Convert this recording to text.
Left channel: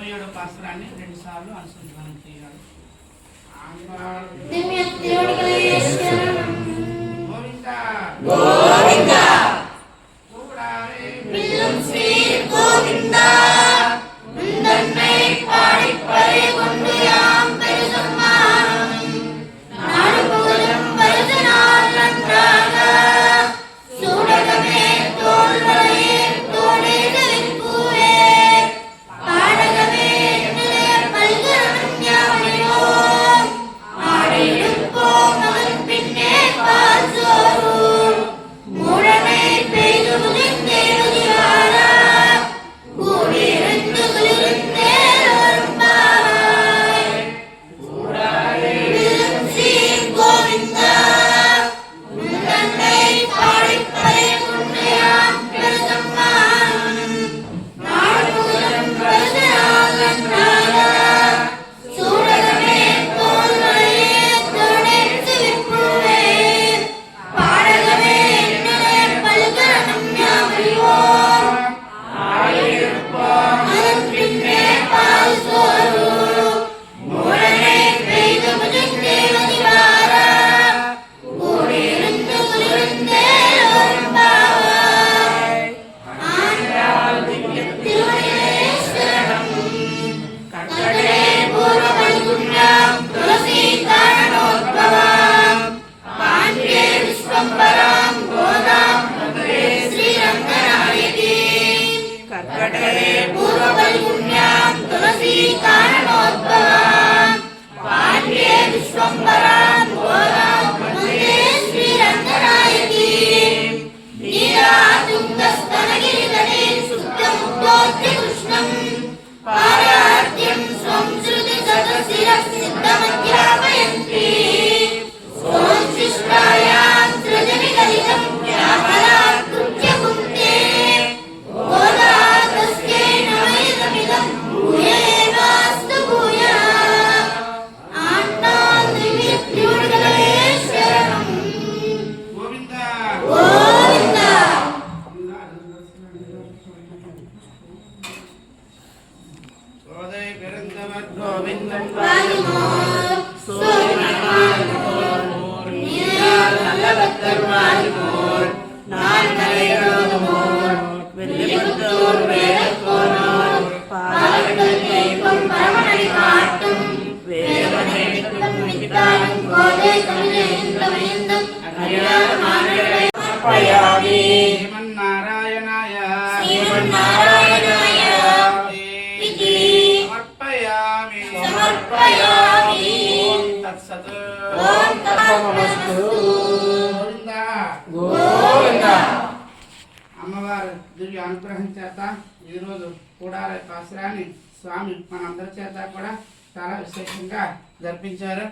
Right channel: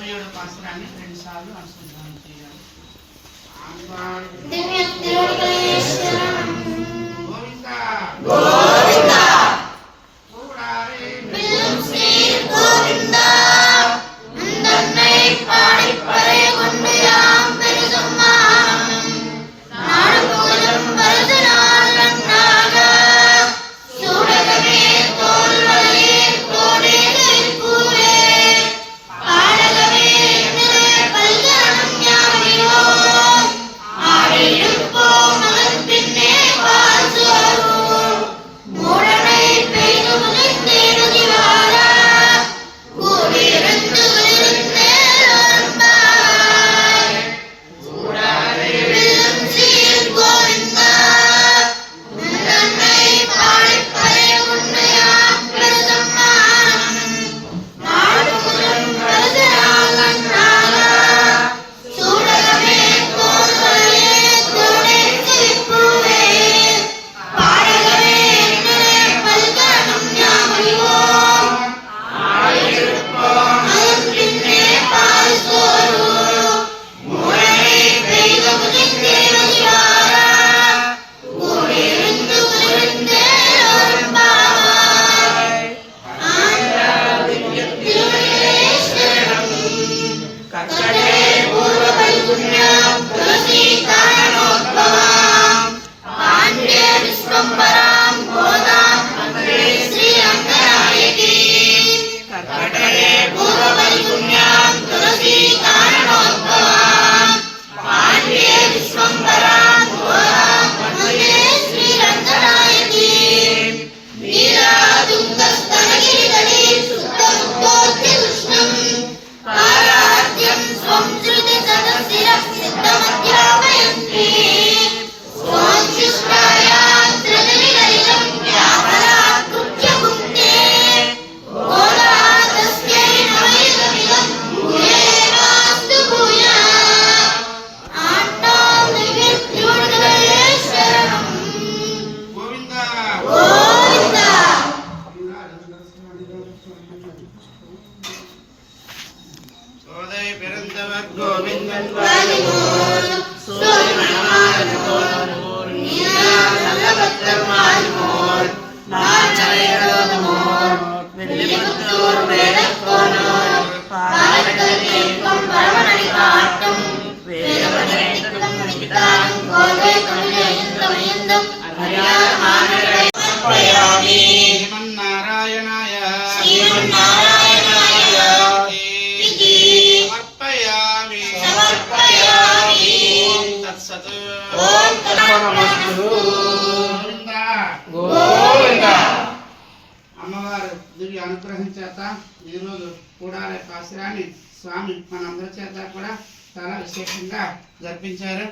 27వ పాసురాన్ని 2 సార్లు అనుసంధానం చేయాలి. గోవిందా గోవిందా கூடாரே வில்லும் ஸ்ரீர் கோவிந்தா முந்தன்னை பாடி பறை கொண்டு யாம் பெருசம்மானம் நாடு புகழும் வருது நாள் நன்றாக சூடகமே தோல்வலே தோடேலில் பூவே பாடகமே பல்கணம் யாவையோம் ஆடியிருப்போம் அதன் பின்னே பால் சோறும் மூடனை பெய்து முதிர்ந்தேனுதி வாழ கூடியிருந்து குளிர்ந்தேரும்பாய் கூடாரே வில்லும் சீர் கோவிந்தா முந்தன்னை பாடிப் பறை கொண்டு யாம் பெருசம்மானம் நாடு புகழும் வருது நாள் நன்றாக சூடகமே தோல்வலே தோடேலில் பூவே பாடகமே பல்கணம் யாவையோம் ஆடியிருப்போம் அதன் பின்னே பால் சோறும் மூடனை பெய்து முதிர்ந்தேனுதி வாழ கூடியிருந்து குளிர்ந்தேரும்பாய் ஆந்திராதித்யேஸ்வரம் கர்க்கடே பூர்வபல்குண்யம் துளசி காரணோத்பவாம் பாண்யே விஸ்வம்பராம் கோதாம் வந்தே ஸ்ரீ ரங்கநாயகி கர்க்கடே பூர்வபல்குண்யம் துளசி காரணோத்பவாம் பாண்யே விஸ்வம்பராம் கோதாம் வந்தே ஸ்ரீ ரங்கநாயகி நீராதுங்கஸ்தனகிரிகணே சுத்தமுத்தோத்தி உஷ்ணம் பாராத்யம் ஸ்வம் ஸ்ருதி சதசிரः சித்தமத்யாபயந்தி ஸ்வம் சிஷ்டாயாம் த்ரிஜனிகலிகம் ஞாபனாத் குஜ்ஜபுக்தே கோதாரதஸ்யை நமைதமிதம் பூயேவாஸ்து பூயா ஆண்டாம் திவ்யத்யூடகேஸ்வரம் கோவிந்தா கோவிந்தா சோதை பிறந்தவர் கோவிந்தன் வாலிமோர் சோதிமணமானமோர் நீரால் நல்லபத்தர் வாலிமோர் நாள் நரைகளோதுமோர் வெள்ளிபுத்தூர் வேடக்கோனோர் பாலகடல் தீபம் பரமனை காட்டும் வேதவனேந்தும் விதானம் கோதை கண்ணியந்தம் அறியாத மானரை சமர்ப்பயாமி ஸ்ரீமன்னாராயணாய ஸ்ரீமன்னாராயணாய இதி சமர்ப்பயாமி சமர்ப்பயாமி தத்சத் ஓம் தத்சமஸ்து గోవిందా గోవిందా అమ్మవారు దివ్య అనుగ్రహం చేత ఈరోజు కూడారే పాసురాన్ని స్వామి మనందరి చేత కూడా చాలా విశేషంగా జరిపించారు.